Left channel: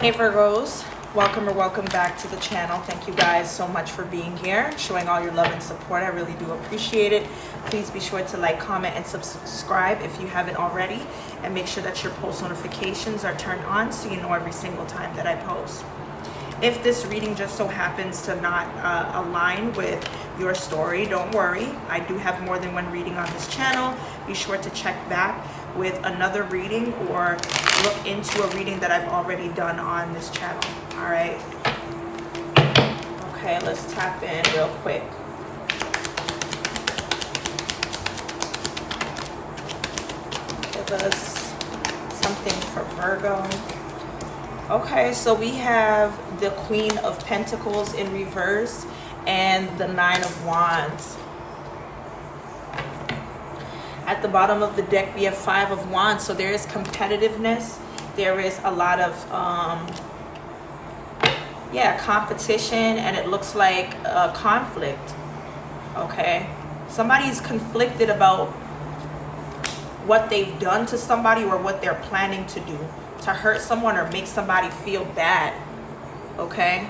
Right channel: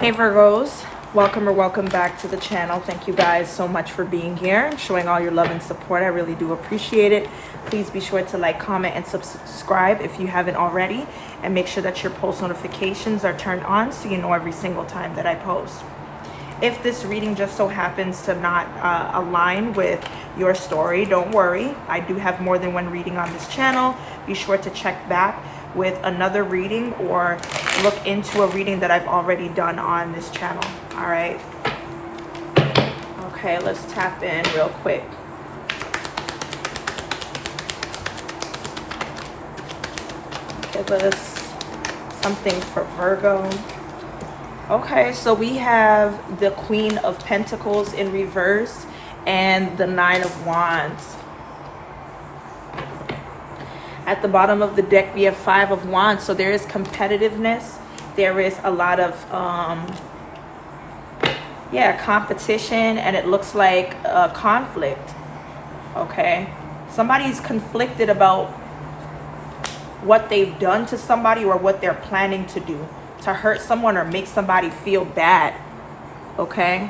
Hey Virgos, welcome or welcome back to the channel. Thank you guys so much for being here and showing all your love and support. I really do appreciate it. Please be sure to like, comment, and subscribe if you haven't already. And make sure that your post notifications are turned on so you know every single time that I post. If this reading just so happens to not align with your story, don't worry. I do have more than one reading on this channel. Be sure to check back with another reading or look into a reading that I've already done on this channel. All right. Okay, let's tap in real quick. Give us something for Virgo. Okay, so we have the Queen of Pentacles in reverse and the Nine of Wands. At the bottom of the deck, we have Five of Wands. So there is competitiveness. There is a lot of, competition. And it looks like a conflict. Okay. Somebody's conflicted about what they've done to somebody or what they're planning to do to hurt someone or make somebody feel bad. Okay.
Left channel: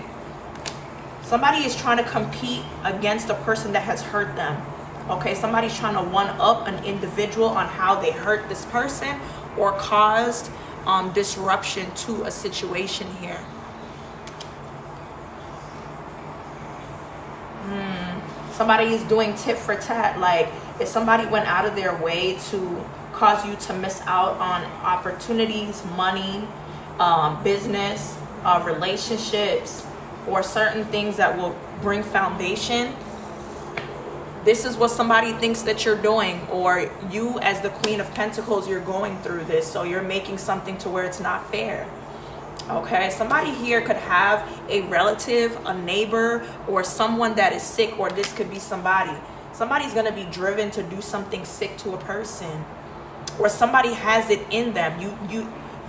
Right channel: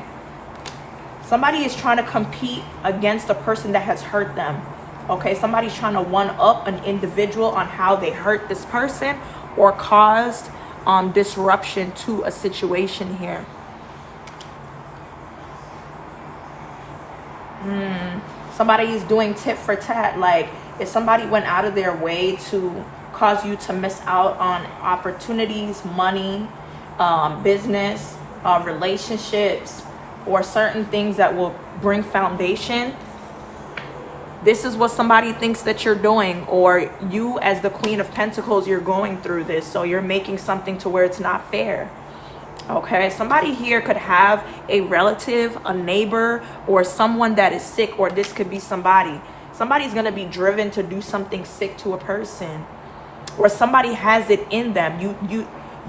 Somebody is trying to compete against a person that has hurt them. Okay, somebody's trying to one-up an individual on how they hurt this person or caused disruption to a situation here. Somebody is doing tit for tat. Like if somebody went out of their way to cause you to miss out on opportunities, money, business, relationships, or certain things that will bring foundation. This is what somebody thinks that you're doing, or you as the Queen of Pentacles, you're going through this. So you're making something to where it's not fair. Okay, somebody here could have a relative, a neighbor, or someone that is sick, or this could be somebody. Somebody's going to be driven to do something sick to a person, or somebody has it in them.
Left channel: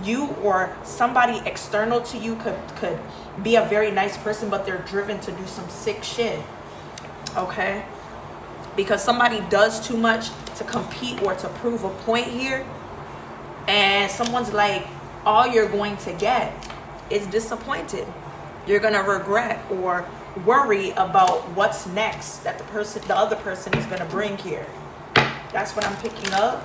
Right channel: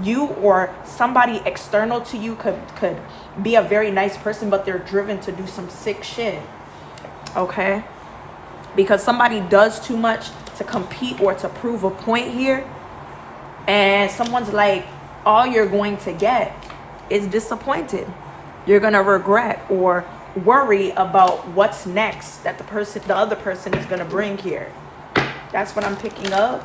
You or somebody external to you could be a very nice person, but they're driven to do some sick shit. Okay? Because somebody does too much to compete or to prove a point here. And someone's like, all you're going to get is disappointed. You're going to regret or worry about what's next that the other person is going to bring here. That's what I'm picking up.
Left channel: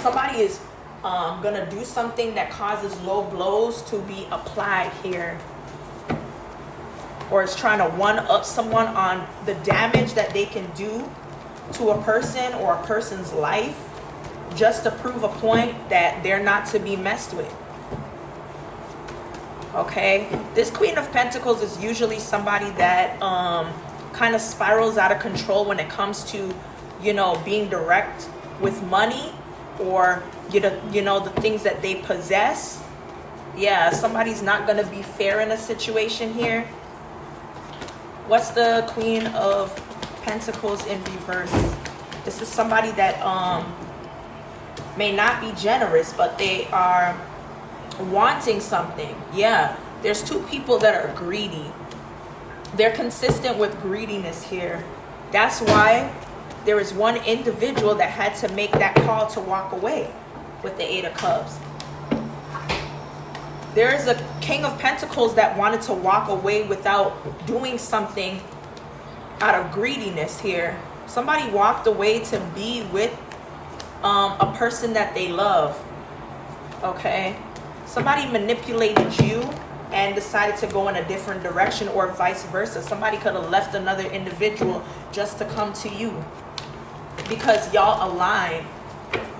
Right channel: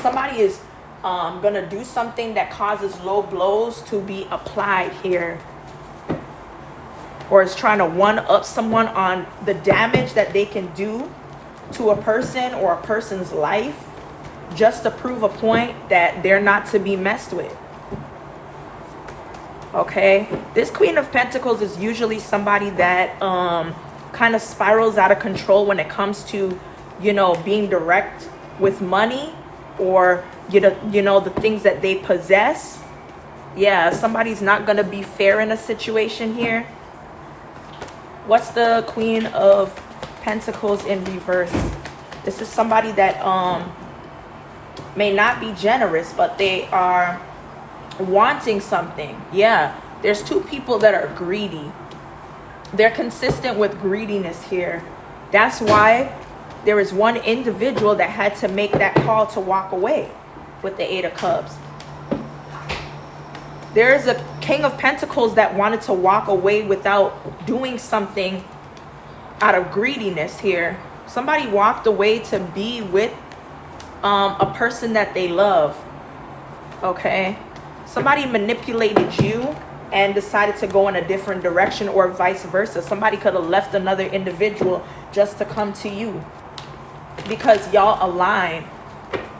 Somebody is going to do something that causes low blows to be applied here. Or is trying to one-up someone on the damage that they can do to a person or a person's life just to prove a point that they're not to be messed with. Okay? This Queen of Pentacles is usually somebody that kind of spirals out of control when it comes to, being direct with money or, the things that they possess. Yeah, somebody's not going to be fair in a situation here. What's the Queen of Pentacles in reverse? This is somebody that may not be generous, but they are wanting something. Yeah, there's two people that are greedy. They're consistent with greediness here. That's why there is one individual that had to make that call to walk away with the Eight of Cups. There's a King of Pentacles that wanted to walk away without doing something out of greediness here. Somebody walked away to be with a person that they love. Okay? Somebody manipulated you and decided to go in a different direction, or vice versa. Somebody could have left another individual just to come to you because y'all align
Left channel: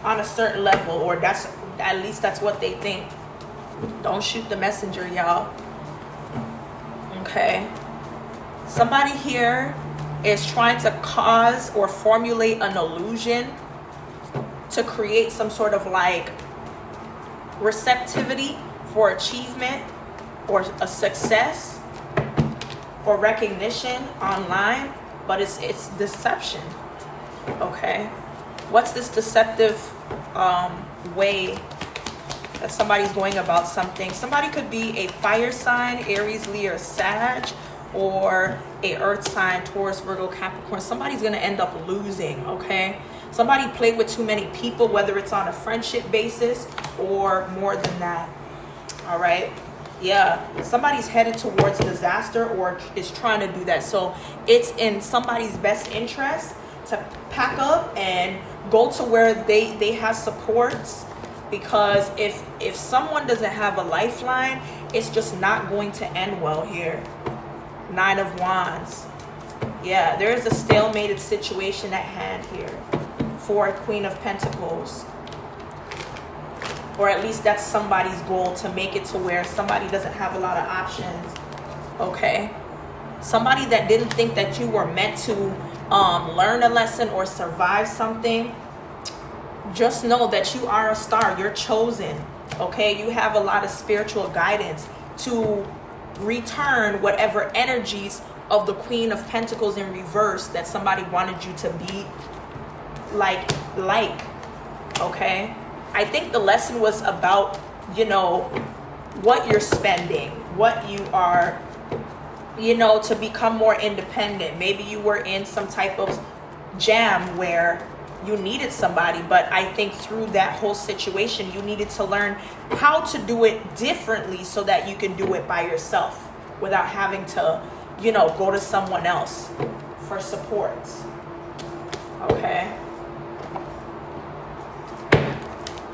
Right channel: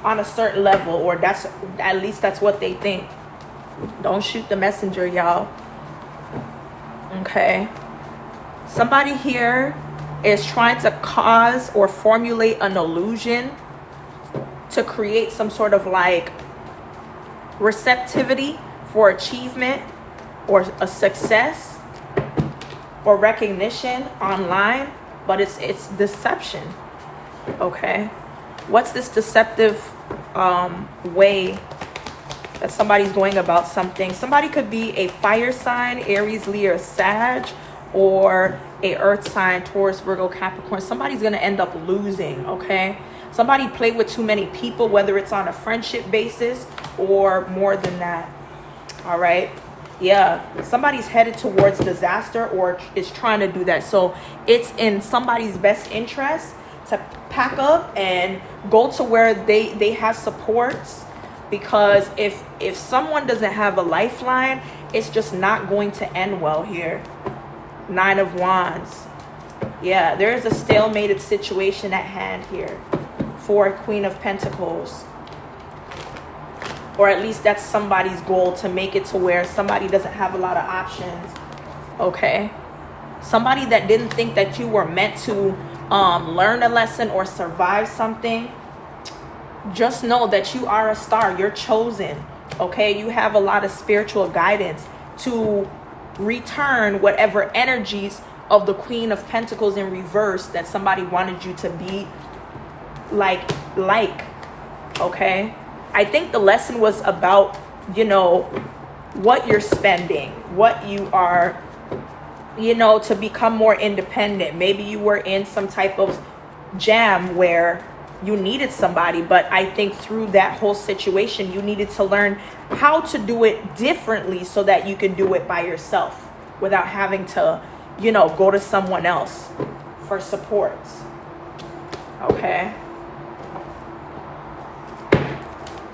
on a certain level, or at least that's what they think. Don't shoot the messenger, y'all. Okay. Somebody here is trying to cause or formulate an illusion to create some sort of like receptivity for achievement or a success or recognition online, but it's deception. Okay. What's this deceptive way that somebody's going about something? Somebody could be a fire sign, Aries, Leo, Sag, or a earth sign, Taurus, Virgo, Capricorn. Somebody's going to end up losing, okay? Somebody played with too many people, whether it's on a friendship basis or more than that. All right. Yeah. Somebody's headed towards disaster or is trying to do that. So it's in somebody's best interest to pack up and go to where they have supports. Because if someone doesn't have a lifeline, it's just not going to end well here. 9 of Wands. Yeah, there's a stalemated situation at hand here for Queen of Pentacles. Or at least that's somebody's goal, to make it to where somebody doesn't have a lot of options. Okay? Somebody that didn't think that you were meant to learn a lesson or survive something. Just know that you are a star. You're chosen. Okay? You have a lot of spiritual guidance to return whatever energies of the Queen of Pentacles in reverse that somebody wanted you to be like. Okay? I think the lesson was about, you know, what you're spending, what you are, you know, to become more independent. Maybe you were in some type of jam where you needed somebody, but I think through that whole situation, you needed to learn how to do it differently so that you can do it by yourself without having to, you know, go to someone else for support. Okay.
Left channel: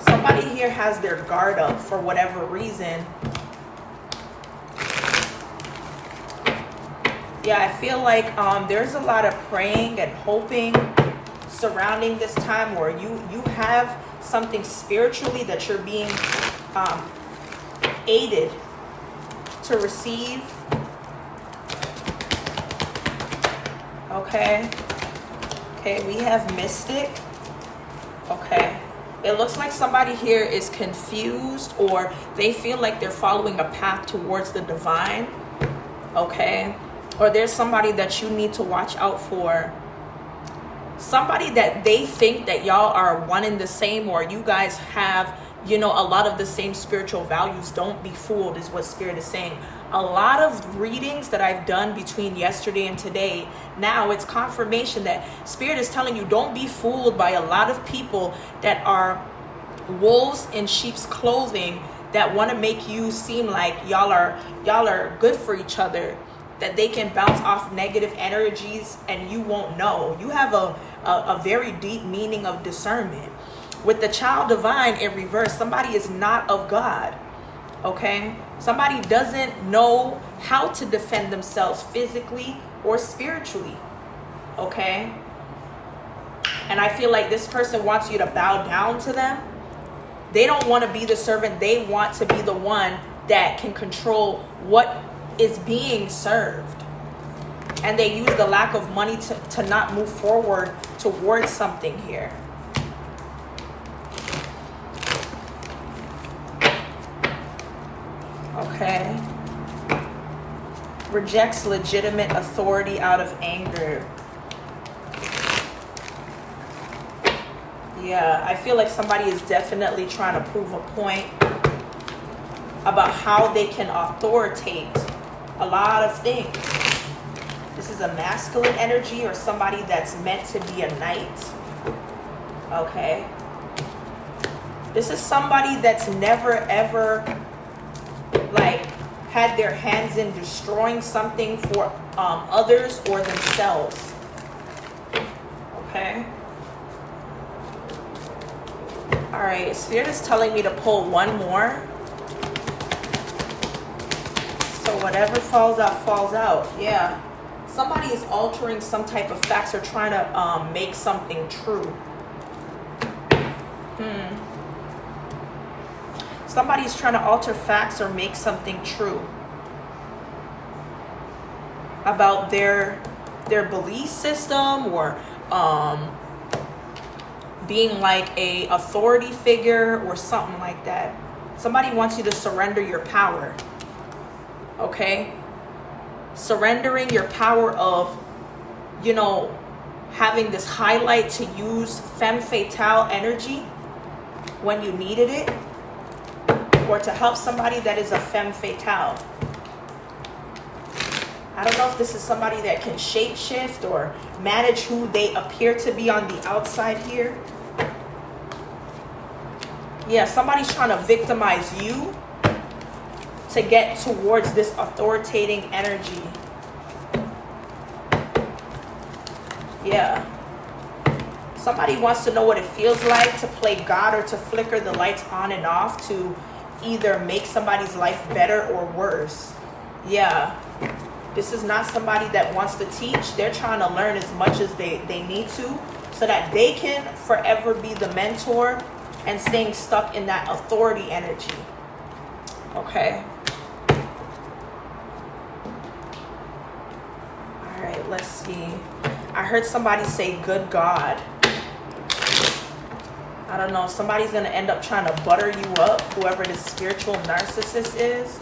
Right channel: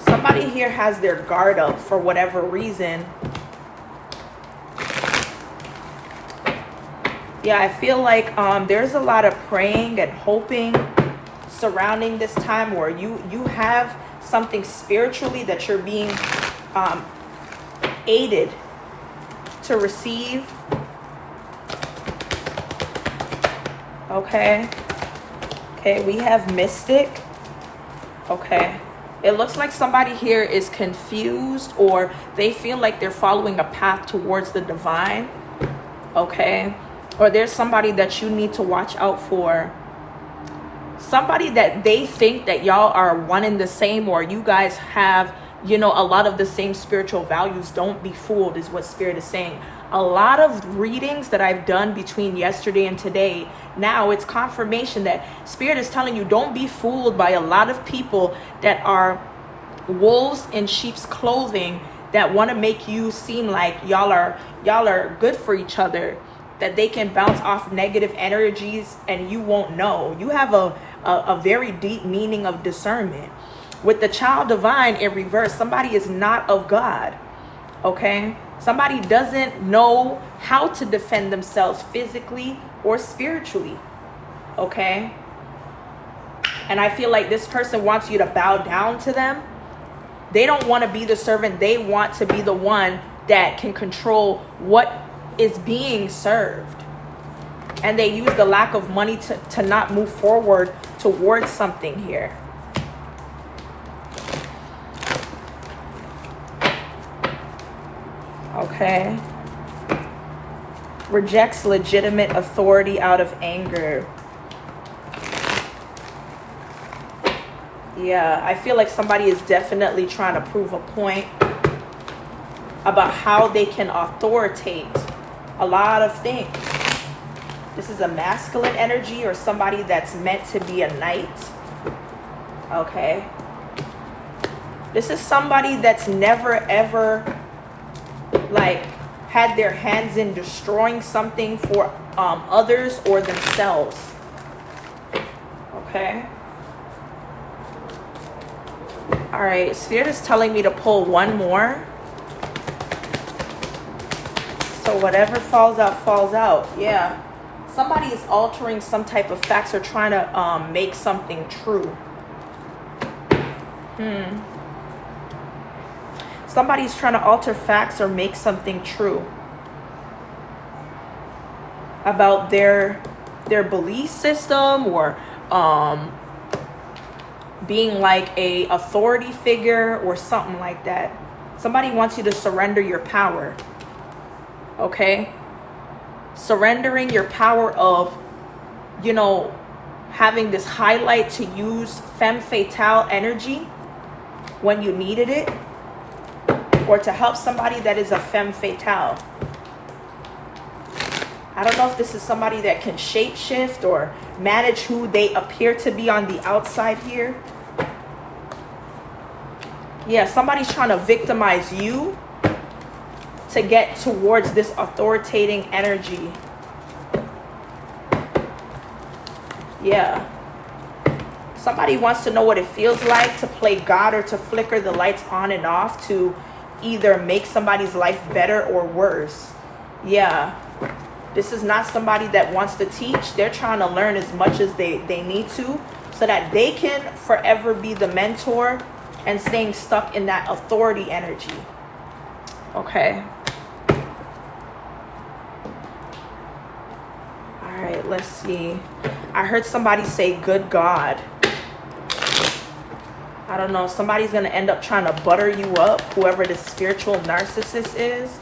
Somebody here has their guard up for whatever reason. Yeah, I feel like there's a lot of praying and hoping surrounding this time where you have something spiritually that you're being aided to receive. Okay. Okay, we have Mystic. Okay. It looks like somebody here is confused, or they feel like they're following a path towards the divine. Okay. Or there's somebody that you need to watch out for. Somebody that they think that y'all are one and the same, or you guys have, you know, a lot of the same spiritual values. Don't be fooled is what Spirit is saying. A lot of readings that I've done between yesterday and today, now it's confirmation that Spirit is telling you, don't be fooled by a lot of people that are wolves in sheep's clothing that want to make you seem like y'all are good for each other, that they can bounce off negative energies and you won't know. You have a very deep meaning of discernment. With the child divine in reverse, somebody is not of God. Okay? Somebody doesn't know how to defend themselves physically or spiritually. Okay? And I feel like this person wants you to bow down to them. They don't want to be the servant. They want to be the one that can control what is being served. And they use the lack of money to not move forward towards something here. Okay. Rejects legitimate authority out of anger. Yeah, I feel like somebody is definitely trying to prove a point about how they can authoritate a lot of things. This is a masculine energy or somebody that's meant to be a knight. Okay. This is somebody that's never ever like had their hands in destroying something for others or themselves. Okay. All right, Spirit is telling me to pull one more. So whatever falls out, falls out. Yeah. Somebody is altering some type of facts or trying to make something true. Somebody's trying to alter facts or make something true about their belief system, or being like a authority figure or something like that. Somebody wants you to surrender your power. Okay? Surrendering your power of, you know, having this highlight to use femme fatale energy when you needed it, or to help somebody that is a femme fatale. I don't know if this is somebody that can shapeshift or manage who they appear to be on the outside here. Yeah, somebody's trying to victimize you to get towards this authoritating energy. Yeah. Somebody wants to know what it feels like to play God or to flicker the lights on and off to either make somebody's life better or worse. Yeah. This is not somebody that wants to teach. They're trying to learn as much as they need to so that they can forever be the mentor and staying stuck in that authority energy. Okay. All right, let's see. I heard somebody say, good God. I don't know. Somebody's going to end up trying to butter you up, whoever this spiritual narcissist is.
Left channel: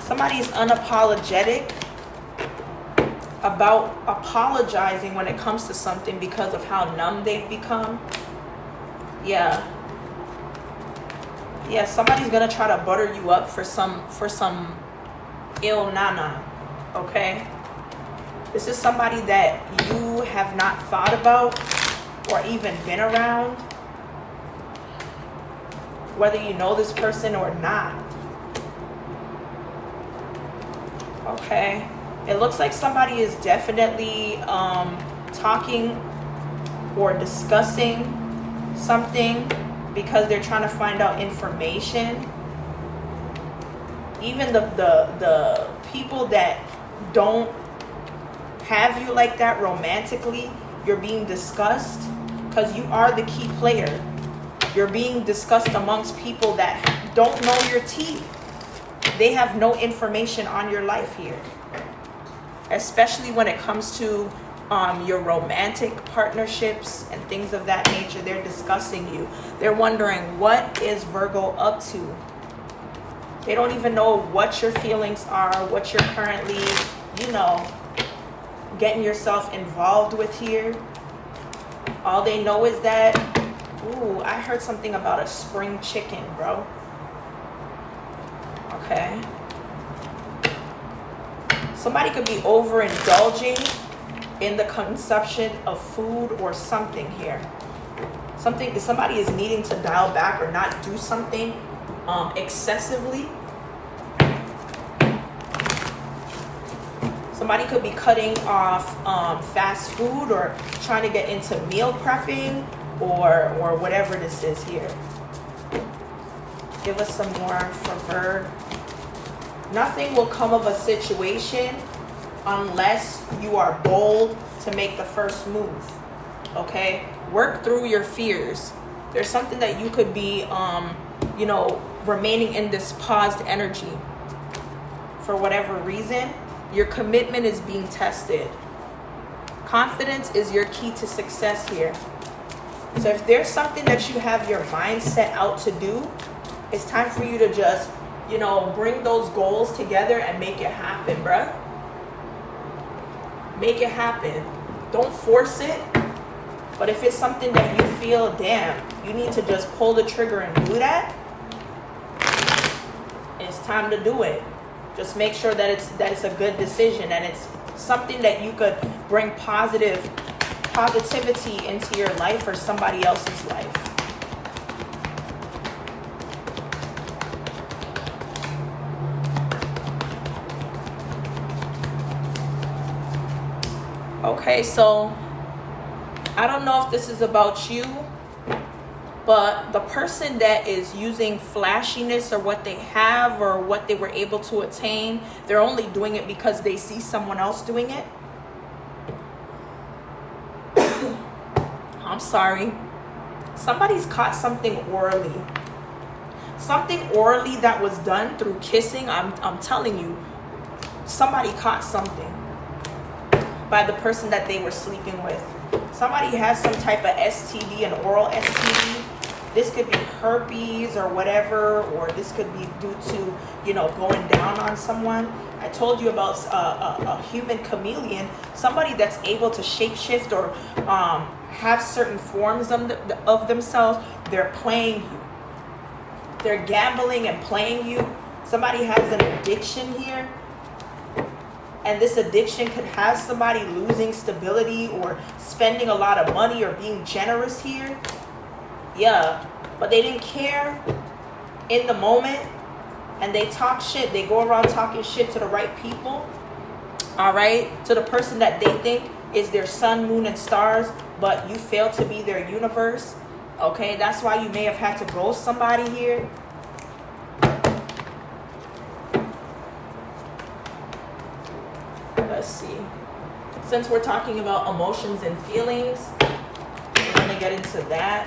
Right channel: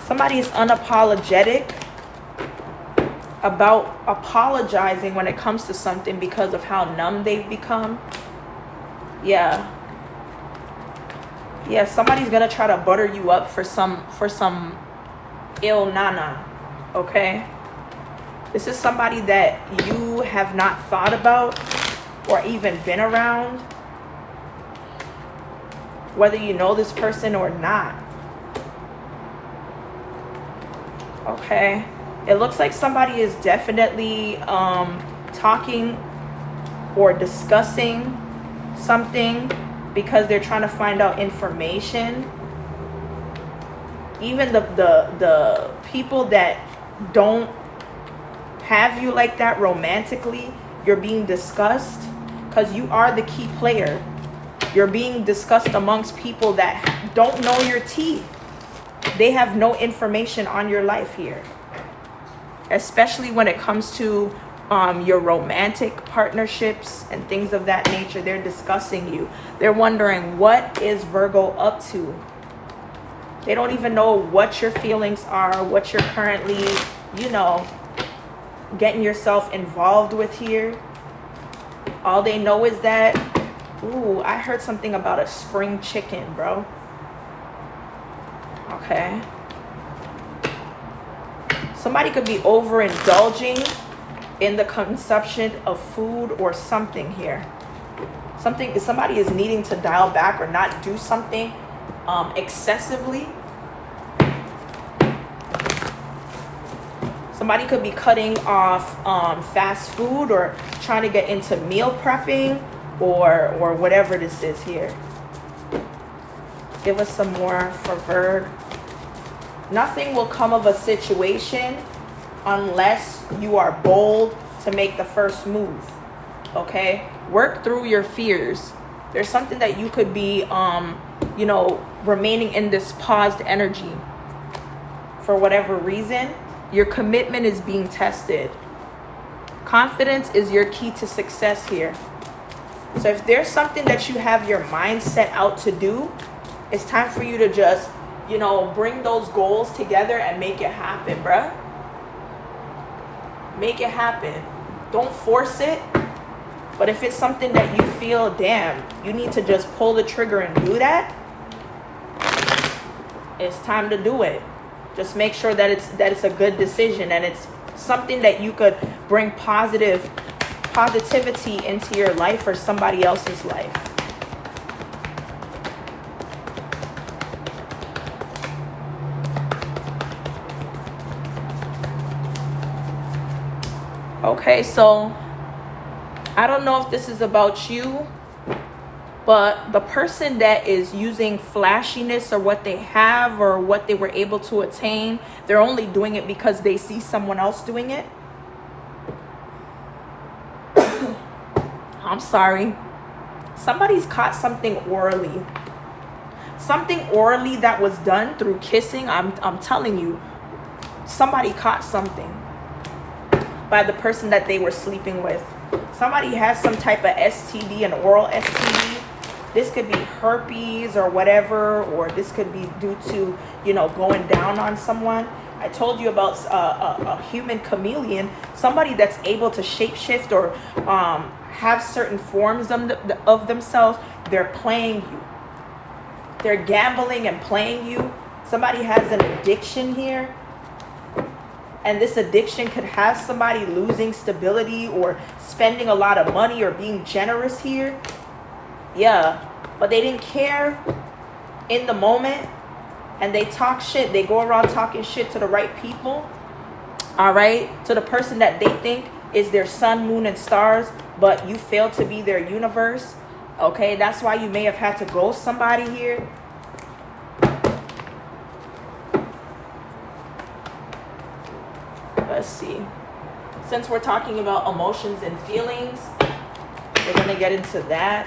Somebody is unapologetic about apologizing when it comes to something because of how numb they've become. Yeah. Yeah, somebody's going to try to butter you up for some ill nana. Okay? This is somebody that you have not thought about or even been around. Whether you know this person or not. Okay, it looks like somebody is definitely talking or discussing something because they're trying to find out information. Even the people that don't have you like that romantically, you're being discussed because you are the key player. You're being discussed amongst people that don't know your teeth. They have no information on your life here, especially when it comes to your romantic partnerships and things of that nature. They're discussing you. They're wondering, what is Virgo up to? They don't even know what your feelings are, what you're currently, getting yourself involved with here. All they know is that, ooh, I heard something about a spring chicken, bro. Okay. Somebody could be overindulging in the consumption of food or something here. Somebody is needing to dial back or not do something excessively. Somebody could be cutting off fast food or trying to get into meal prepping or whatever this is here. Give us some more for Virg. Nothing will come of a situation unless you are bold to make the first move. Okay? Work through your fears. There's something that you could be, remaining in this paused energy for whatever reason. Your commitment is being tested. Confidence is your key to success here. So if there's something that you have your mind set out to do, it's time for you to just, bring those goals together and make it happen, bruh. Make it happen. Don't force it. But if it's something that you feel, damn, you need to just pull the trigger and do that, it's time to do it. Just make sure that it's a good decision and it's something that you could bring positivity into your life or somebody else's life. Okay, so I don't know if this is about you, but the person that is using flashiness or what they have or what they were able to attain, they're only doing it because they see someone else doing it. I'm sorry. Somebody's caught something orally. Something orally that was done through kissing. I'm telling you, somebody caught something by the person that they were sleeping with. Somebody has some type of STD, an oral STD. This could be herpes or whatever, or this could be due to, going down on someone. I told you about a human chameleon, somebody that's able to shapeshift or have certain forms of themselves. They're playing you. They're gambling and playing you Somebody has an addiction here. And this addiction could have somebody losing stability or spending a lot of money or being generous here. Yeah, but they didn't care in the moment. And they talk shit. They go around talking shit to the right people. All right? To the person that they think is their sun, moon, and stars. But you fail to be their universe. Okay? That's why you may have had to ghost somebody here. Let's see. Since we're talking about emotions and feelings, we're going to get into that.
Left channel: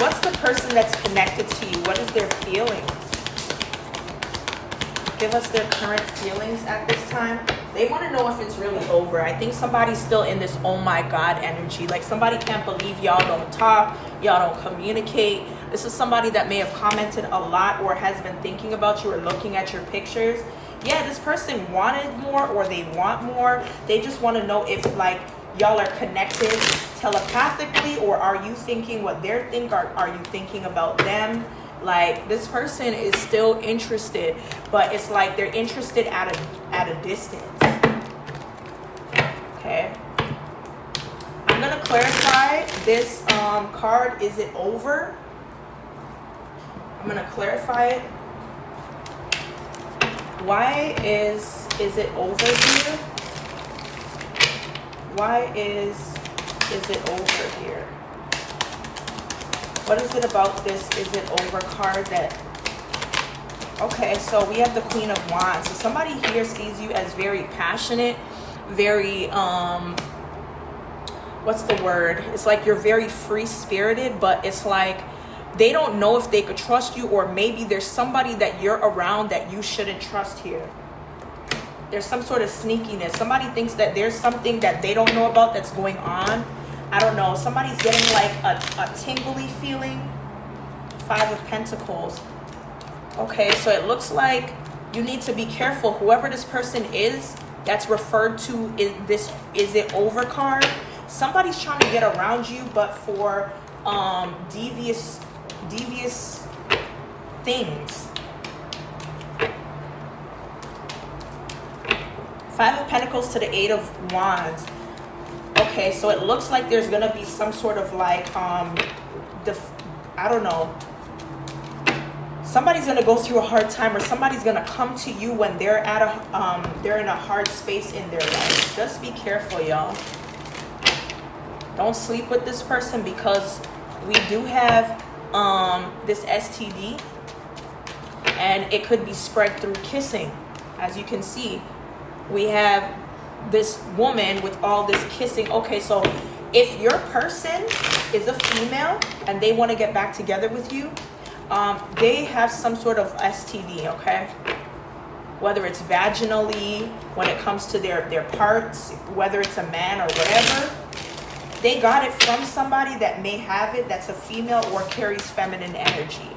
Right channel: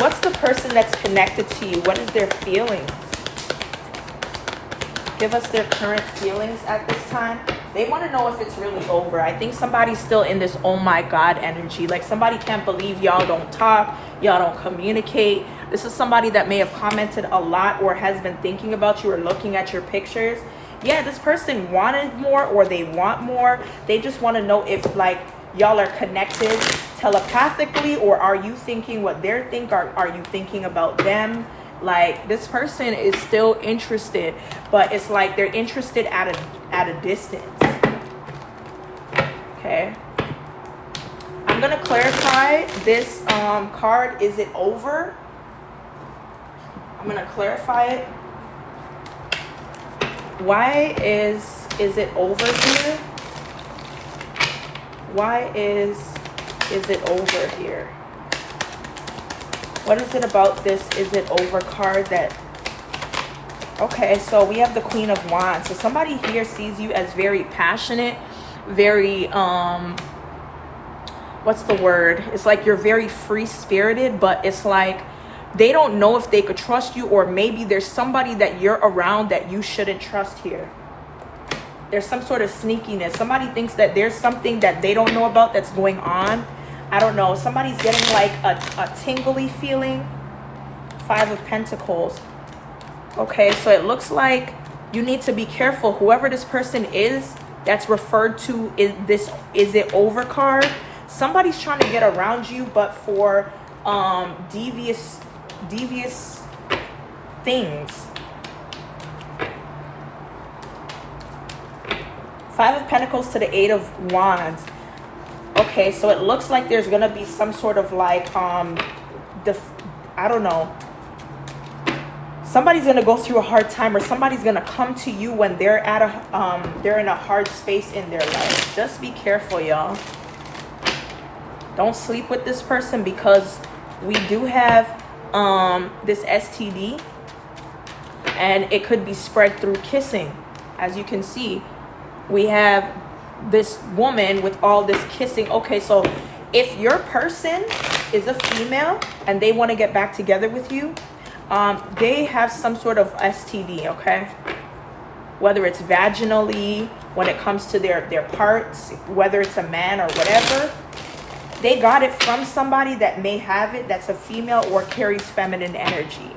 What's the person that's connected to you? What is their feelings? Give us their current feelings at this time. They want to know if it's really over. I think somebody's still in this oh my God energy. Like somebody can't believe y'all don't talk, y'all don't communicate. This is somebody that may have commented a lot or has been thinking about you or looking at your pictures. Yeah, this person wanted more or they want more. They just want to know if like y'all are connected telepathically, or are you thinking what they're thinking? Are you thinking about them? Like this person is still interested, but it's like they're interested at a distance. Okay. I'm gonna clarify this card. Is it over? I'm gonna clarify it. Why is it over here? Why is it over here? What is it about this is it over card that... Okay, so we have the Queen of Wands. So somebody here sees you as very passionate, very, what's the word? It's like you're very free-spirited, but it's like they don't know if they could trust you, or maybe there's somebody that you're around that you shouldn't trust here. There's some sort of sneakiness. Somebody thinks that there's something that they don't know about that's going on. I don't know. Somebody's getting like a tingly feeling. 5 of Pentacles. Okay, so it looks like you need to be careful. Whoever this person is that's referred to in this is it over card. Somebody's trying to get around you, but for devious things. 5 of Pentacles to the 8 of Wands. Okay, so it looks like there's gonna be some sort of like I don't know. Somebody's gonna go through a hard time, or somebody's gonna come to you when they're at a they're in a hard space in their life. Just be careful, y'all. Don't sleep with this person, because we do have this STD, and it could be spread through kissing. As you can see, we have this woman with all this kissing. Okay, so if your person is a female and they want to get back together with you, they have some sort of STD, okay? Whether it's vaginally, when it comes to their parts, whether it's a man or whatever, they got it from somebody that may have it, that's a female or carries feminine energy.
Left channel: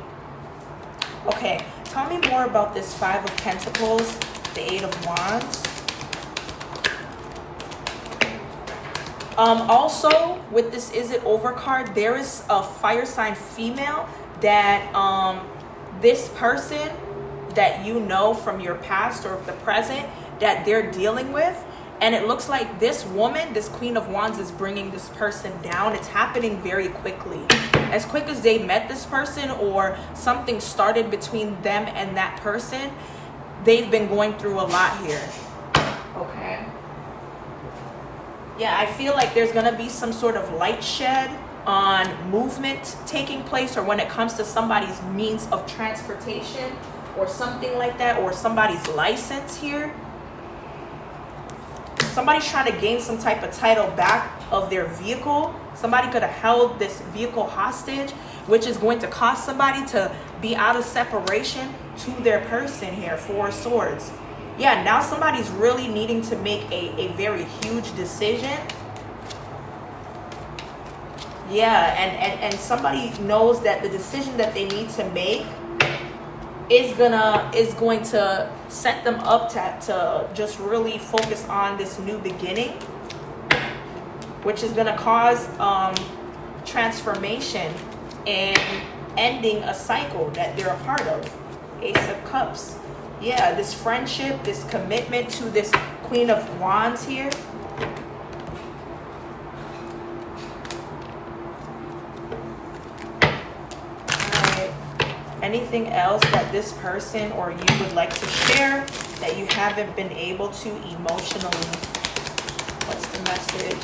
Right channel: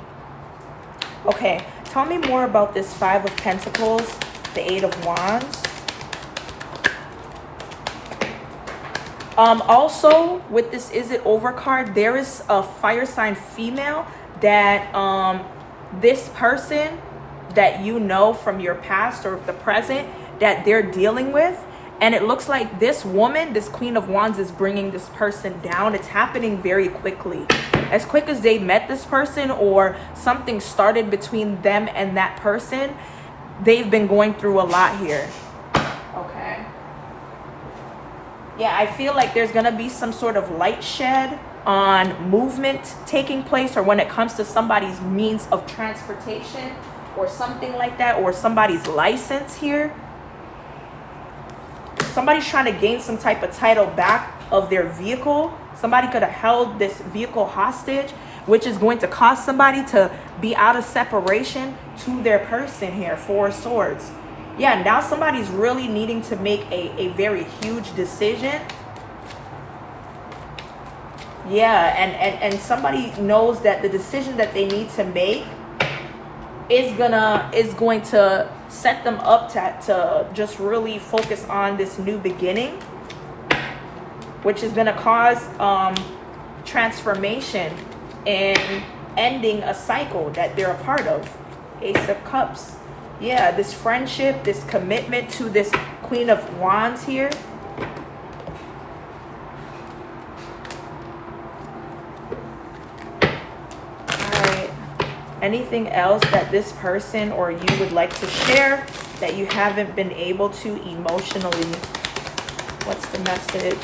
Okay, tell me more about this 5 of Pentacles, the 8 of Wands. Also, with this is it over card, there is a fire sign female that this person that you know from your past or the present that they're dealing with. And it looks like this woman, this Queen of Wands, is bringing this person down. It's happening very quickly. As quick as they met this person or something started between them and that person, they've been going through a lot here. Okay. Yeah, I feel like there's going to be some sort of light shed on movement taking place, or when it comes to somebody's means of transportation or something like that, or somebody's license here. Somebody's trying to gain some type of title back of their vehicle. Somebody could have held this vehicle hostage, which is going to cause somebody to be out of separation to their person here. 4 of Swords. Yeah, now somebody's really needing to make a very huge decision. Yeah, and somebody knows that the decision that they need to make is going to set them up to just really focus on this new beginning, which is going to cause transformation in ending a cycle that they're a part of. Ace of Cups. Yeah, this friendship, this commitment to this Queen of Wands here. Alright. Anything else that this person or you would like to share that you haven't been able to emotionally? What's the message?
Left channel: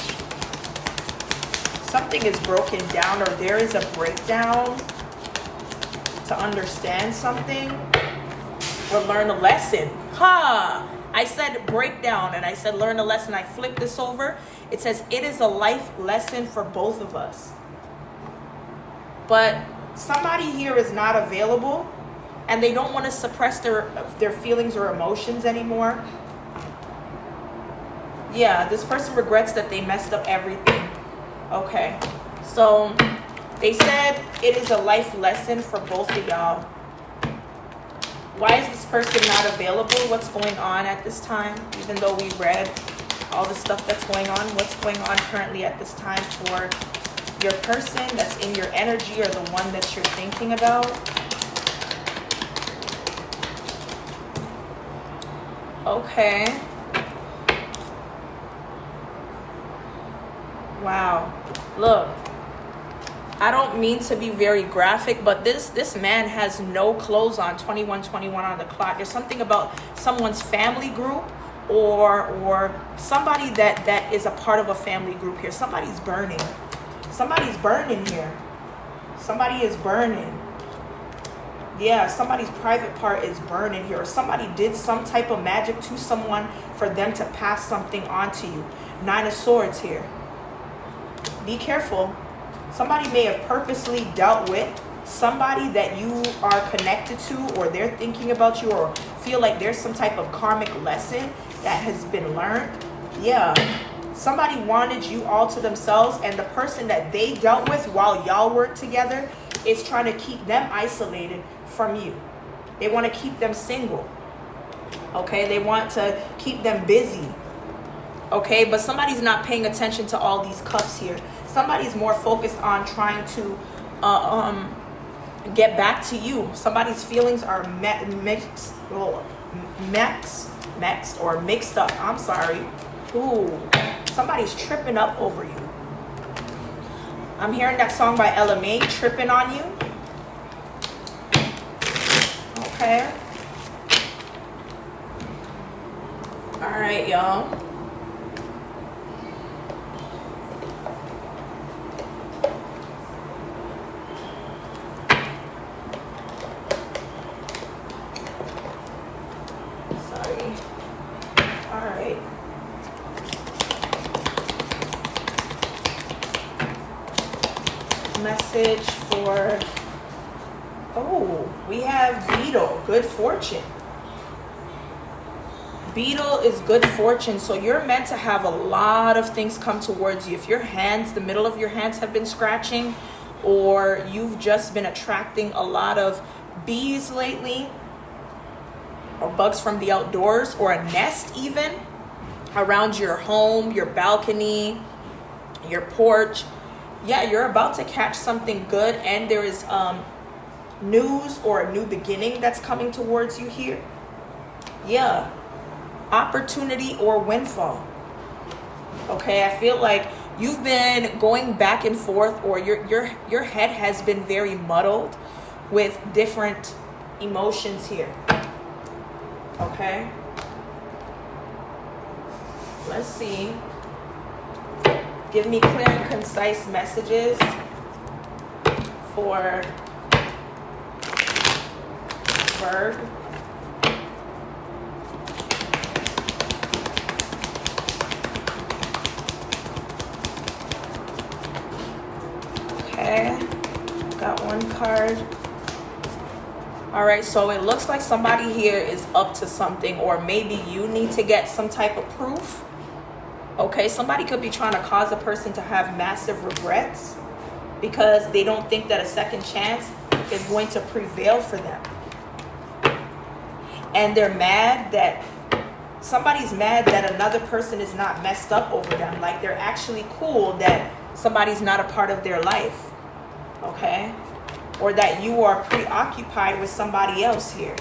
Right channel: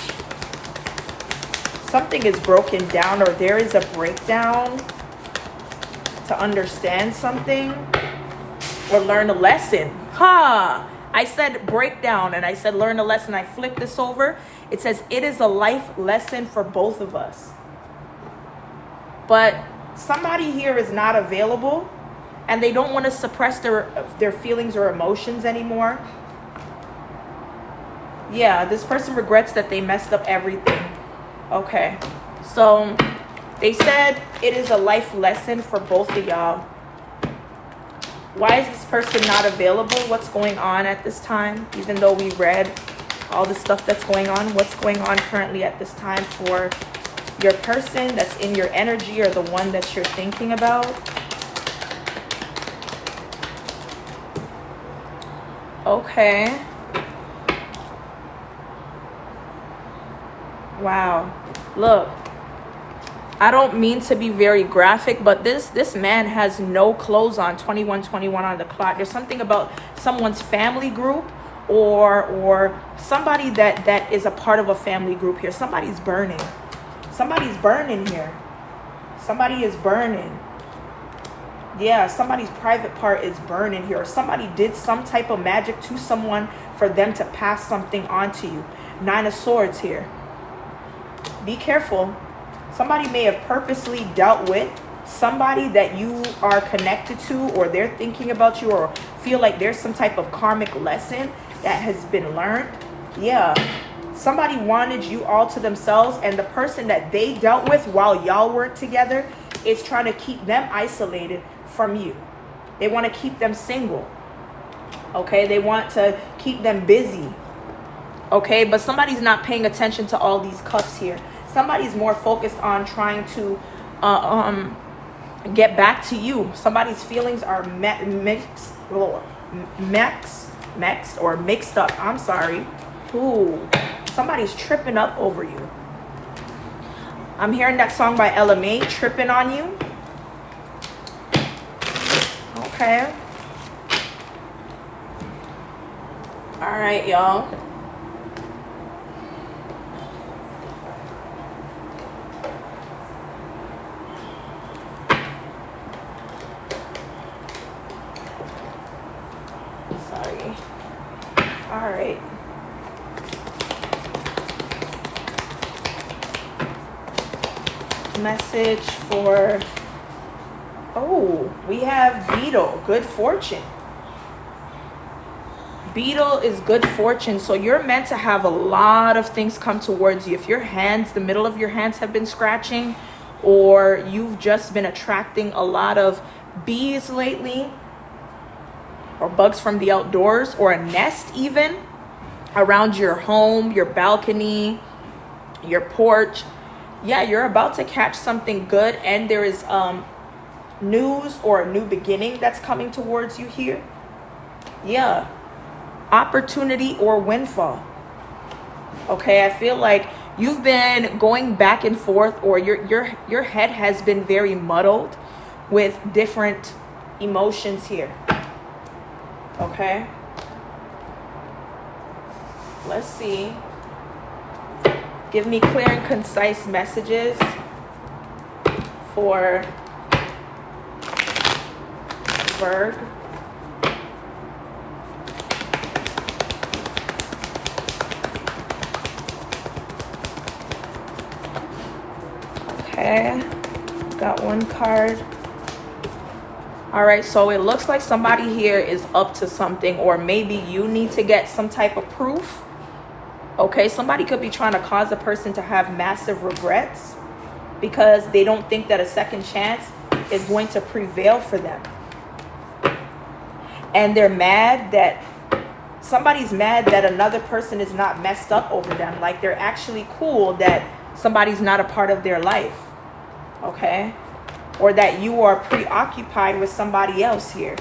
Something is broken down, or there is a breakdown to understand something or learn a lesson. I said breakdown and I said learn a lesson. I flipped this over. It says it is a life lesson for both of us. But somebody here is not available and they don't want to suppress their feelings or emotions anymore. Yeah, this person regrets that they messed up everything. Okay, so they said it is a life lesson for both of y'all. Why is this person not available? What's going on at this time? Even though we read all the stuff that's going on, what's going on currently at this time for your person that's in your energy or the one that you're thinking about? Okay. Wow. Look, I don't mean to be very graphic, but this man has no clothes on. 21:21 on the clock. There's something about someone's family group or somebody that is a part of a family group here. Somebody's burning. Somebody's burning here. Somebody is burning. Yeah, somebody's private part is burning here. Or somebody did some type of magic to someone for them to pass something on to you. 9 of Swords here. Be careful. Somebody may have purposely dealt with somebody that you are connected to, or they're thinking about you, or feel like there's some type of karmic lesson that has been learned. Yeah. Somebody wanted you all to themselves, and the person that they dealt with while y'all were together is trying to keep them isolated from you. They want to keep them single. Okay? They want to keep them busy. Okay? But somebody's not paying attention to all these cups here. Somebody's more focused on trying to get back to you. Somebody's feelings are mixed up. I'm sorry. Ooh, somebody's tripping up over you. I'm hearing that song by LMA, Tripping on You. Okay. All right, y'all. Message for, we have Beetle, good fortune. Beetle is good fortune. So you're meant to have a lot of things come towards you. If your hands, the middle of your hands have been scratching, or you've just been attracting a lot of bees lately, or bugs from the outdoors, or a nest even around your home, your balcony, your porch. Yeah, you're about to catch something good, and there is news or a new beginning that's coming towards you here. Yeah, opportunity or windfall. Okay, I feel like you've been going back and forth, or your head has been very muddled with different emotions here. Okay, let's see. Give me clear and concise messages for Virg. Okay, got one card. All right, so it looks like somebody here is up to something, or maybe you need to get some type of proof. Okay, somebody could be trying to cause a person to have massive regrets because they don't think that a second chance is going to prevail for them. And they're mad that somebody's mad that another person is not messed up over them. Like they're actually cool that somebody's not a part of their life. Okay? or that you are preoccupied with somebody else here.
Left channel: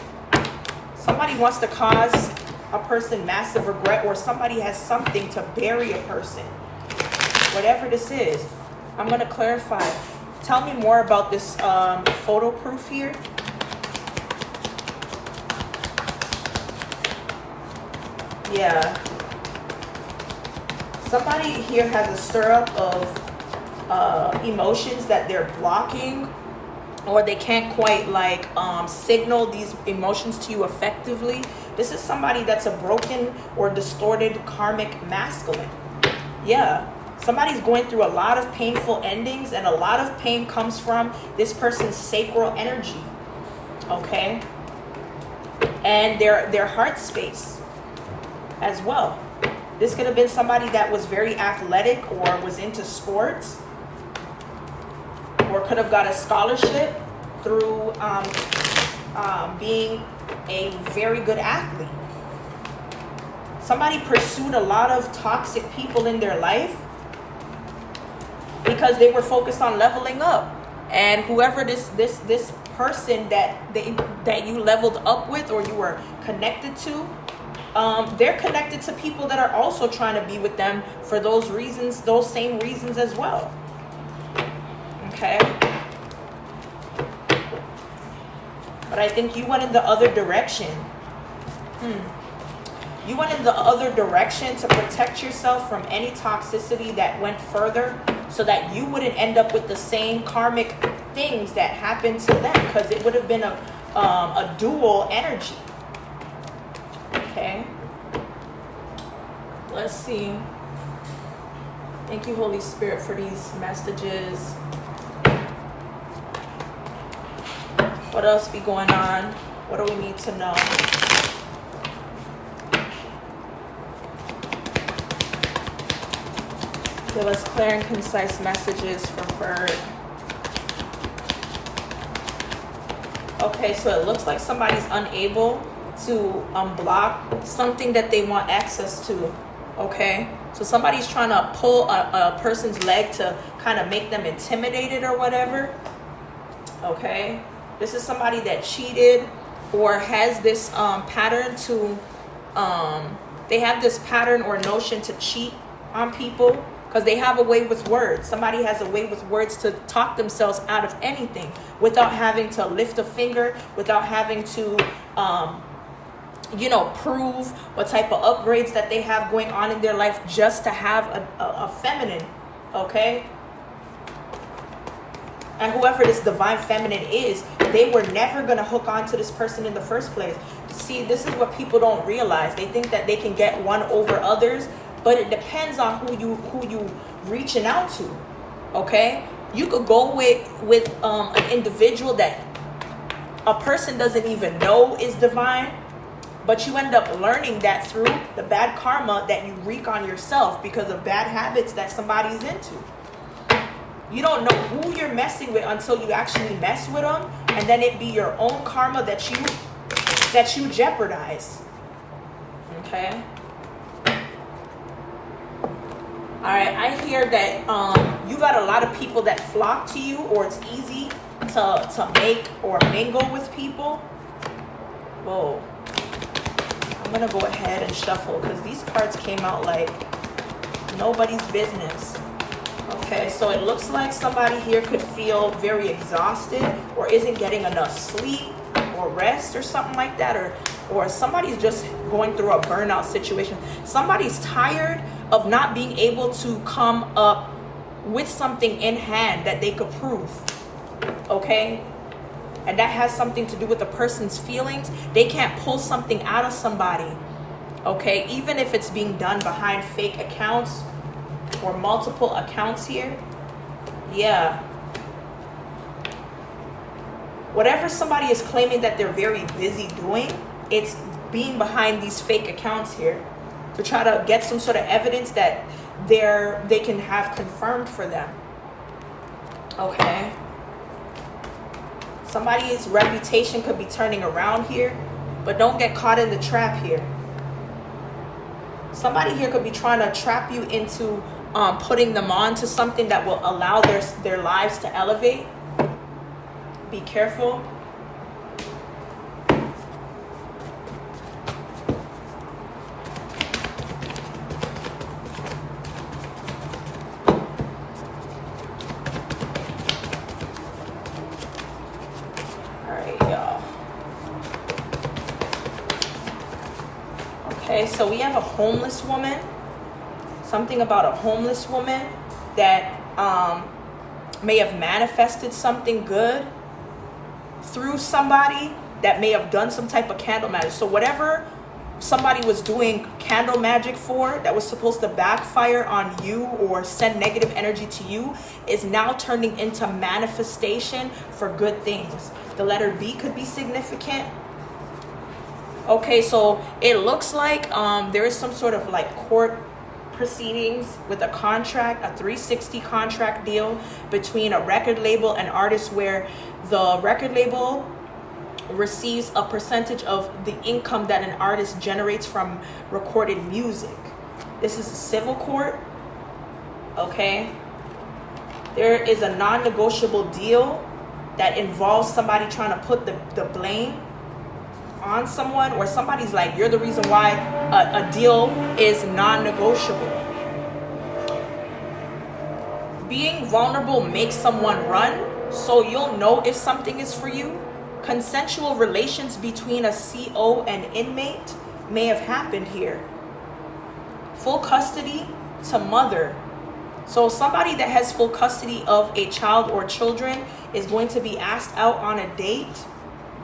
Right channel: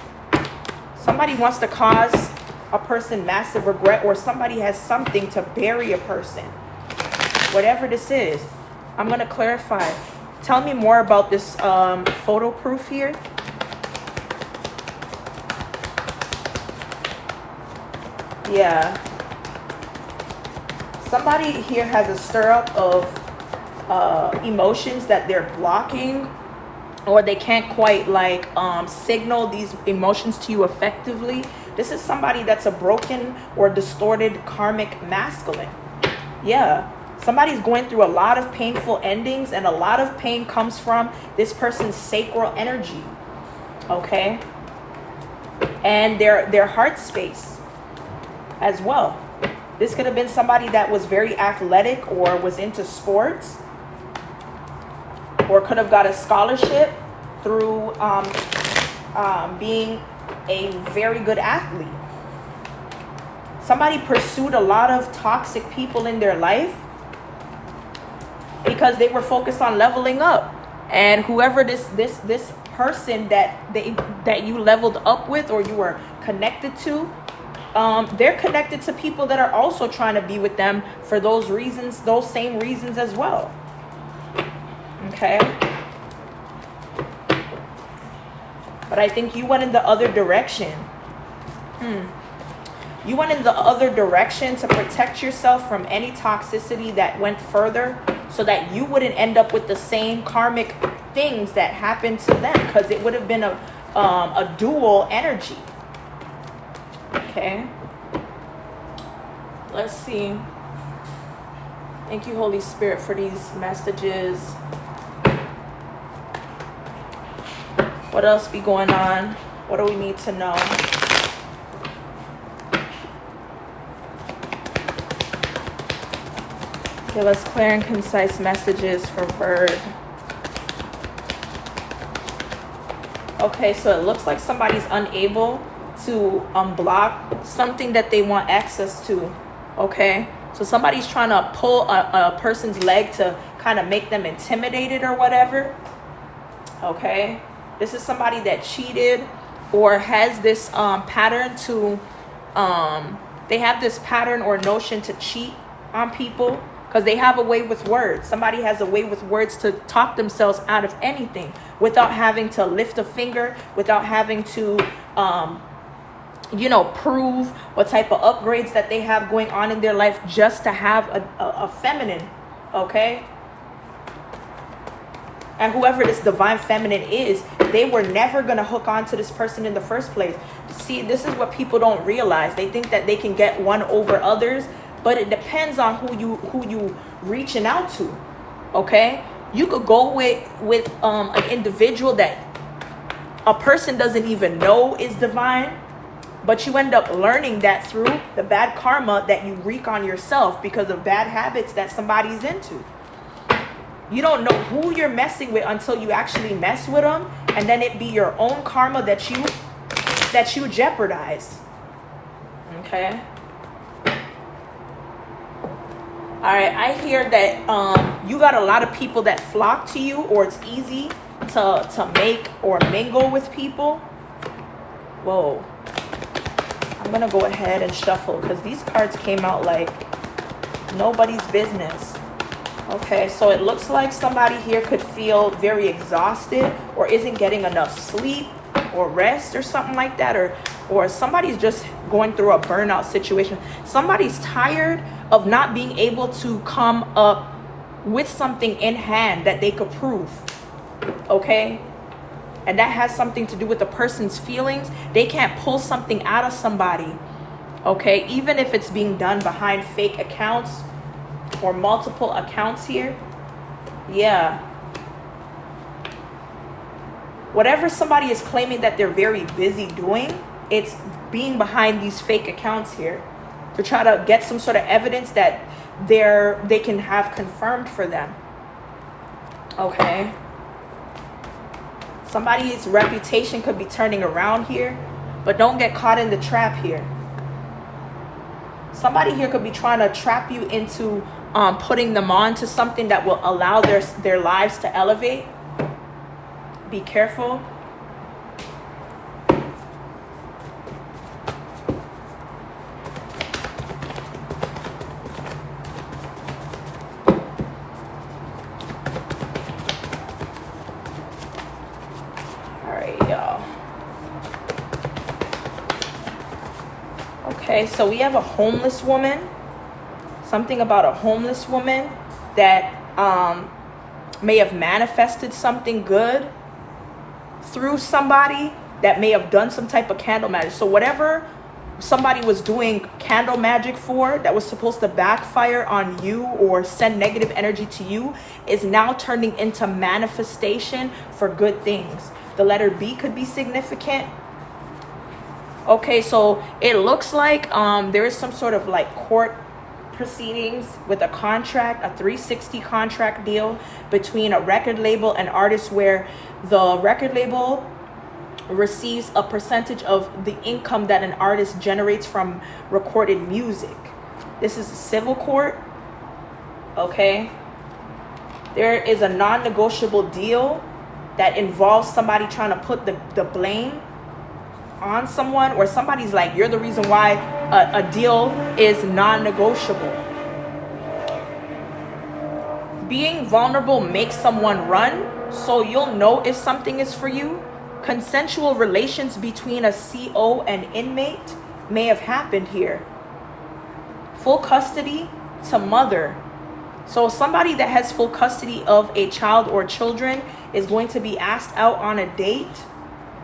Somebody wants to cause a person massive regret, or somebody has something to bury a person. Whatever this is, I'm going to clarify. Tell me more about this photo proof here. Yeah. Somebody here has a stir up of emotions that they're blocking, or they can't quite like signal these emotions to you effectively. This is somebody that's a broken or distorted karmic masculine. Yeah. Somebody's going through a lot of painful endings, and a lot of pain comes from this person's sacral energy. Okay? And their heart space as well. This could have been somebody that was very athletic or was into sports, or could have got a scholarship through being a very good athlete. Somebody pursued a lot of toxic people in their life because they were focused on leveling up. And whoever this person that you leveled up with, or you were connected to, they're connected to people that are also trying to be with them for those reasons, those same reasons as well. Okay? But I think you went in the other direction. You went in the other direction to protect yourself from any toxicity that went further, so that you wouldn't end up with the same karmic things that happened to them, because it would have been a dual energy. Okay. Let's see. Thank you, Holy Spirit, for these messages. What else be going on? What do we need to know? Give us clear and concise messages for Bird. Okay, so it looks like somebody's unable to unblock something that they want access to. Okay, so somebody's trying to pull a person's leg to kind of make them intimidated or whatever. Okay, this is somebody that cheated or has this pattern to they have this pattern or notion to cheat on people, because they have a way with words. Somebody has a way with words to talk themselves out of anything without having to lift a finger, without having to prove what type of upgrades that they have going on in their life, just to have a feminine. Okay? And whoever this divine feminine is, they were never going to hook on to this person in the first place. See, this is what people don't realize. They think that they can get one over others, but it depends on who you reaching out to. Okay? You could go with an individual that a person doesn't even know is divine, but you end up learning that through the bad karma that you wreak on yourself because of bad habits that somebody's into. You don't know who you're messing with until you actually mess with them, and then it be your own karma that you jeopardize. Okay? All right, I hear that you got a lot of people that flock to you, or it's easy to make or mingle with people. Whoa. I'm going to go ahead and shuffle, because these cards came out like nobody's business. Okay, so it looks like somebody here could feel very exhausted, or isn't getting enough sleep or rest or something like that, or somebody's just going through a burnout situation. Somebody's tired of not being able to come up with something in hand that they could prove. Okay? And that has something to do with the person's feelings. They can't pull something out of somebody. Okay? Even if it's being done behind fake accounts or multiple accounts here. Yeah. Whatever somebody is claiming that they're very busy doing, it's being behind these fake accounts here to try to get some sort of evidence that they can have confirmed for them. Okay? Somebody's reputation could be turning around here, but don't get caught in the trap here. Somebody here could be trying to trap you into putting them on to something that will allow their lives to elevate. Be careful. Okay, so we have a homeless woman. Something about a homeless woman that may have manifested something good through somebody that may have done some type of candle magic. So whatever somebody was doing candle magic for that was supposed to backfire on you or send negative energy to you is now turning into manifestation for good things. The letter B could be significant. Okay, so it looks like there is some sort of like court proceedings with a contract, a 360 contract deal between a record label and artists, where the record label receives a percentage of the income that an artist generates from recorded music. This is a civil court. Okay, there is a non-negotiable deal that involves somebody trying to put the blame on someone, or somebody's like, you're the reason why a deal is non-negotiable. Being vulnerable makes someone run, so you'll know if something is for you. Consensual relations between a CO and inmate may have happened here. Full custody to mother. So somebody that has full custody of a child or children is going to be asked out on a date.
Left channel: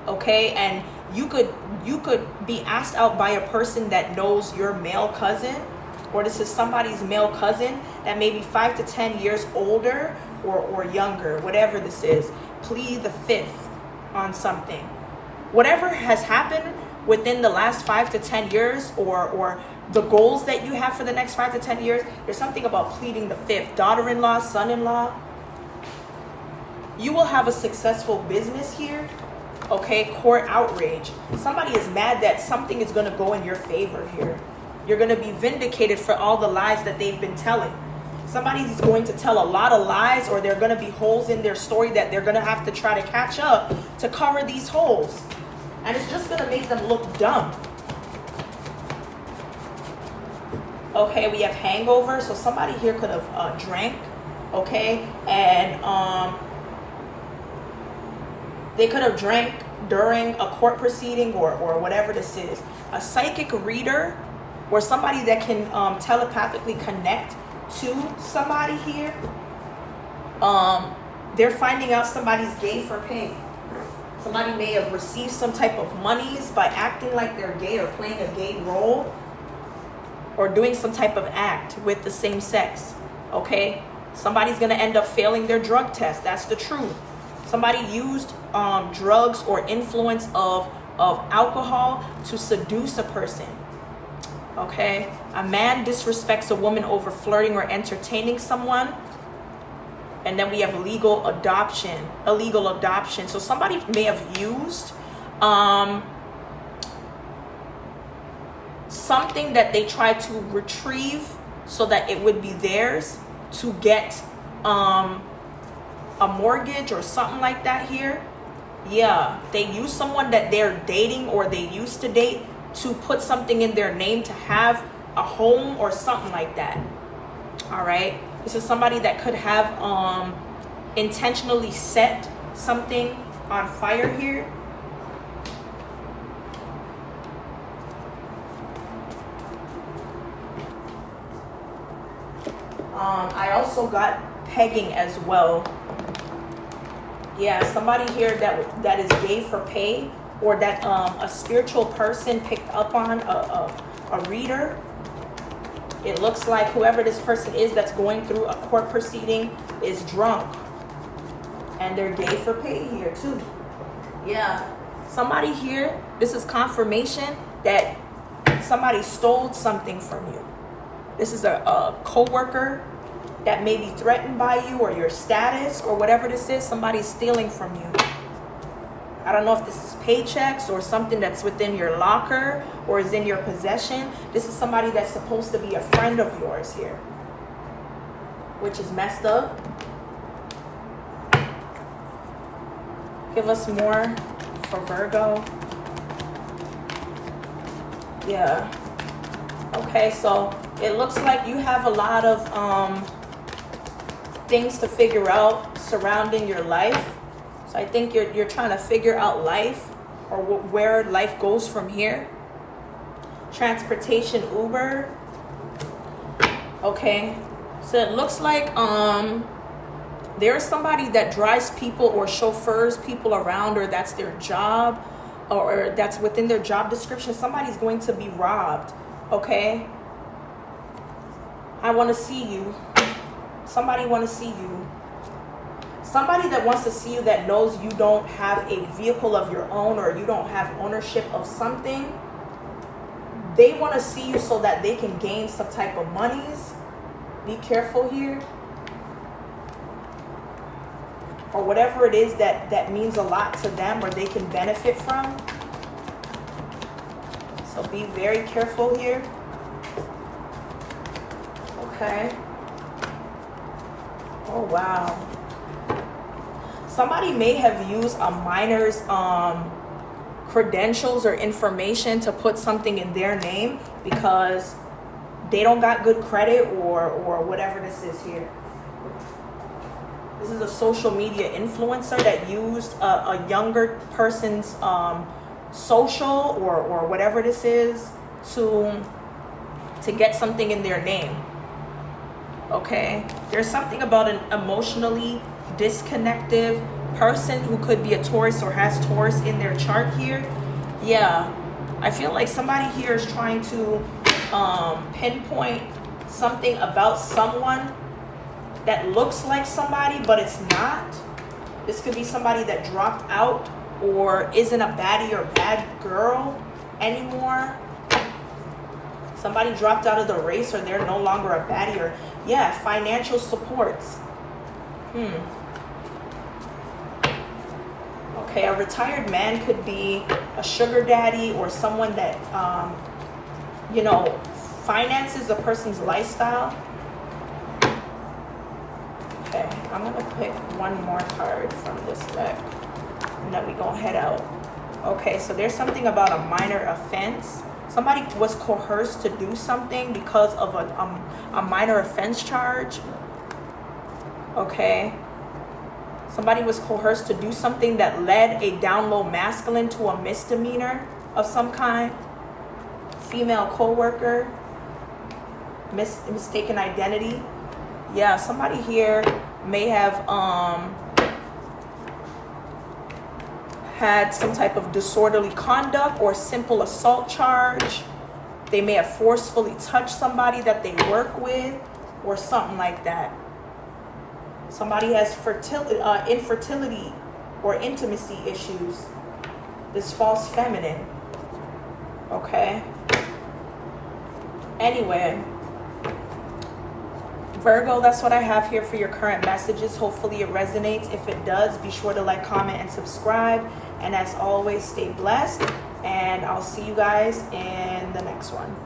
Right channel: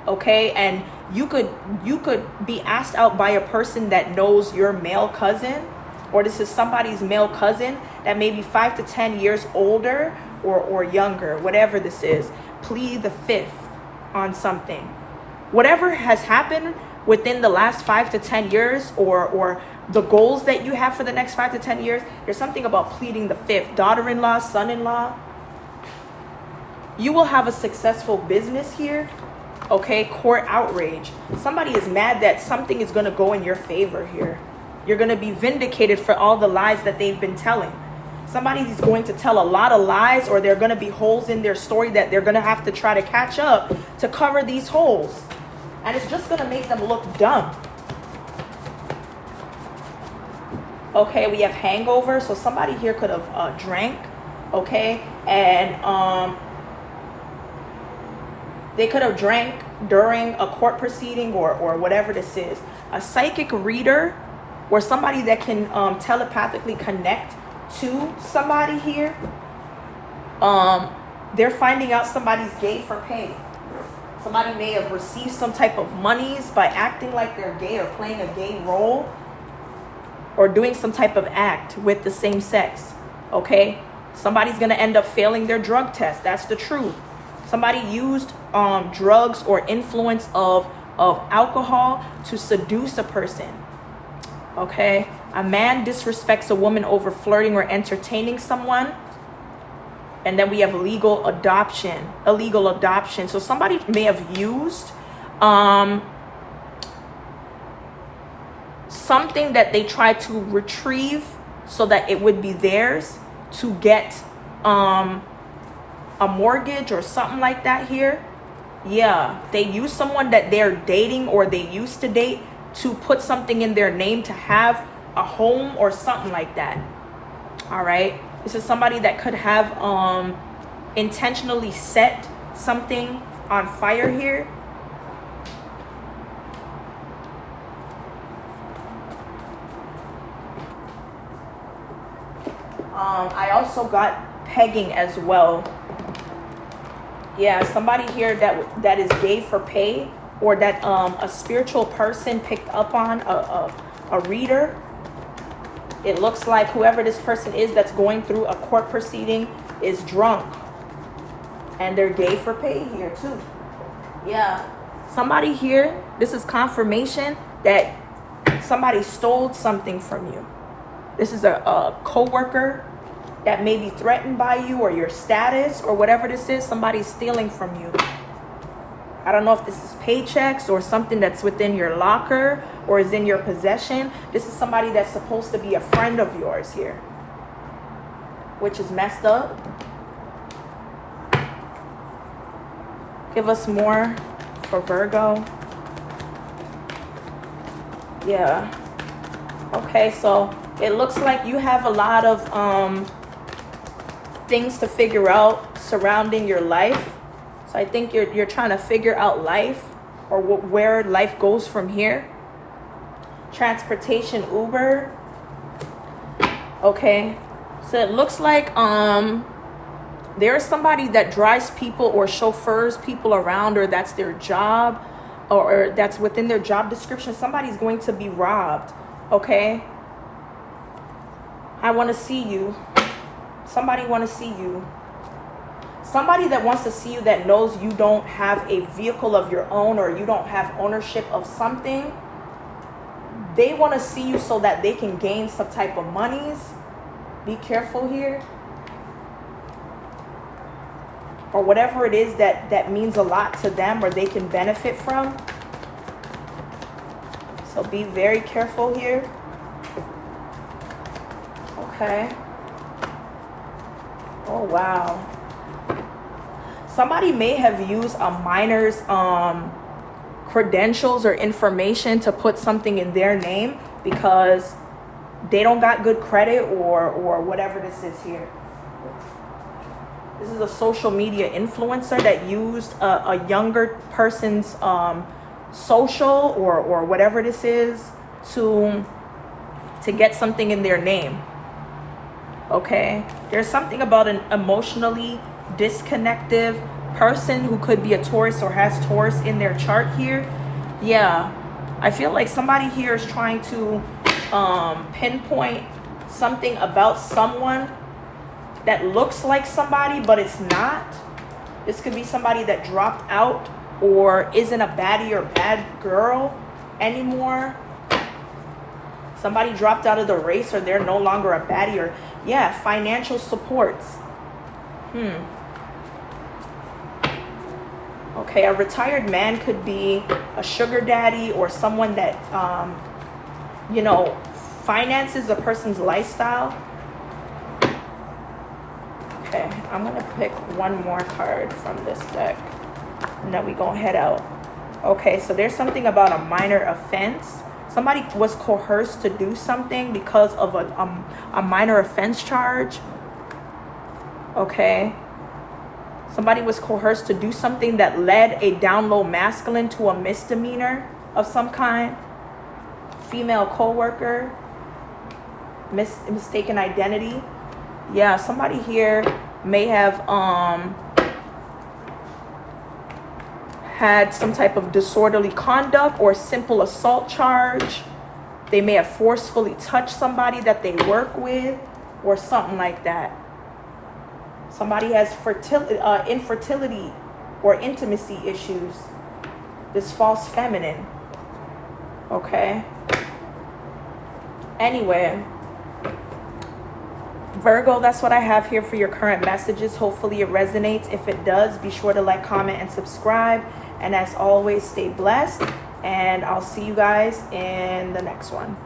Okay, and you could be asked out by a person that knows your male cousin, or this is somebody's male cousin that may be 5 to 10 years older or younger, whatever this is. Plead the fifth on something. Whatever has happened within the last 5 to 10 years, or the goals that you have for the next 5 to 10 years, there's something about pleading the fifth. Daughter-in-law, son-in-law. You will have a successful business here. Okay, court outrage. Somebody is mad that something is going to go in your favor here. You're going to be vindicated for all the lies that they've been telling. Somebody's going to tell a lot of lies, or there are going to be holes in their story that they're going to have to try to catch up to cover these holes. And it's just going to make them look dumb. Okay, we have hangover. So somebody here could have drank. Okay, and they could have drank during a court proceeding or whatever this is. A psychic reader, or somebody that can telepathically connect to somebody here. They're finding out somebody's gay for pay. Somebody may have received some type of monies by acting like they're gay or playing a gay role, or doing some type of act with the same sex. Okay? Somebody's going to end up failing their drug test. That's the truth. Somebody used drugs or influence of alcohol to seduce a person. Okay? A man disrespects a woman over flirting or entertaining someone. And then we have illegal adoption. So somebody may have used something that they tried to retrieve so that it would be theirs to get a mortgage or something like that here. Yeah, they use someone that they're dating or they used to date to put something in their name to have a home or something like that. All right, this is somebody that could have intentionally set something on fire here. I also got pegging as well. Yeah, somebody here that is gay for pay, or that a spiritual person picked up on, a reader. It looks like whoever this person is that's going through a court proceeding is drunk, and they're gay for pay here too. Yeah, somebody here, this is confirmation that somebody stole something from you. This is a co-worker that may be threatened by you, or your status, or whatever this is. Somebody's stealing from you. I don't know if this is paychecks or something that's within your locker or is in your possession. This is somebody that's supposed to be a friend of yours here, which is messed up. Give us more for Virgo. Yeah. Okay, so it looks like you have a lot of things to figure out surrounding your life. So I think you're trying to figure out life, or where life goes from here. Transportation, Uber. Okay, so it looks like there's somebody that drives people or chauffeurs people around, or that's their job, or that's within their job description. Somebody's going to be robbed. Okay, I want to see you. Somebody want to see you. Somebody that wants to see you, that knows you don't have a vehicle of your own, or you don't have ownership of something. They want to see you so that they can gain some type of monies. Be careful here. Or whatever it is that means a lot to them, or they can benefit from. So be very careful here. Okay. Oh, wow. Somebody may have used a minor's credentials or information to put something in their name because they don't got good credit, or whatever this is here. This is a social media influencer that used a younger person's social or whatever this is to get something in their name. Okay, there's something about an emotionally disconnected person who could be a Taurus or has Taurus in their chart here. Yeah, I feel like somebody here is trying to pinpoint something about someone that looks like somebody, but it's not. This could be somebody that dropped out or isn't a baddie or bad girl anymore. Somebody dropped out of the race, or they're no longer a baddie, or yeah, financial supports. Okay, a retired man could be a sugar daddy, or someone that finances a person's lifestyle. Okay, I'm gonna pick one more card from this deck, and then we gonna head out. Okay, so there's something about a minor offense. Somebody was coerced to do something because of a minor offense charge. Okay, somebody was coerced to do something that led a down low masculine to a misdemeanor of some kind. Female co-worker, mistaken identity. Yeah, somebody here may have had some type of disorderly conduct or simple assault charge. They may have forcefully touched somebody that they work with, or something like that. Somebody has infertility or intimacy issues. This false feminine. Okay. Anyway, Virgo, that's what I have here for your current messages. Hopefully it resonates. If it does, be sure to like, comment, and subscribe. And as always, stay blessed. And I'll see you guys in the next one.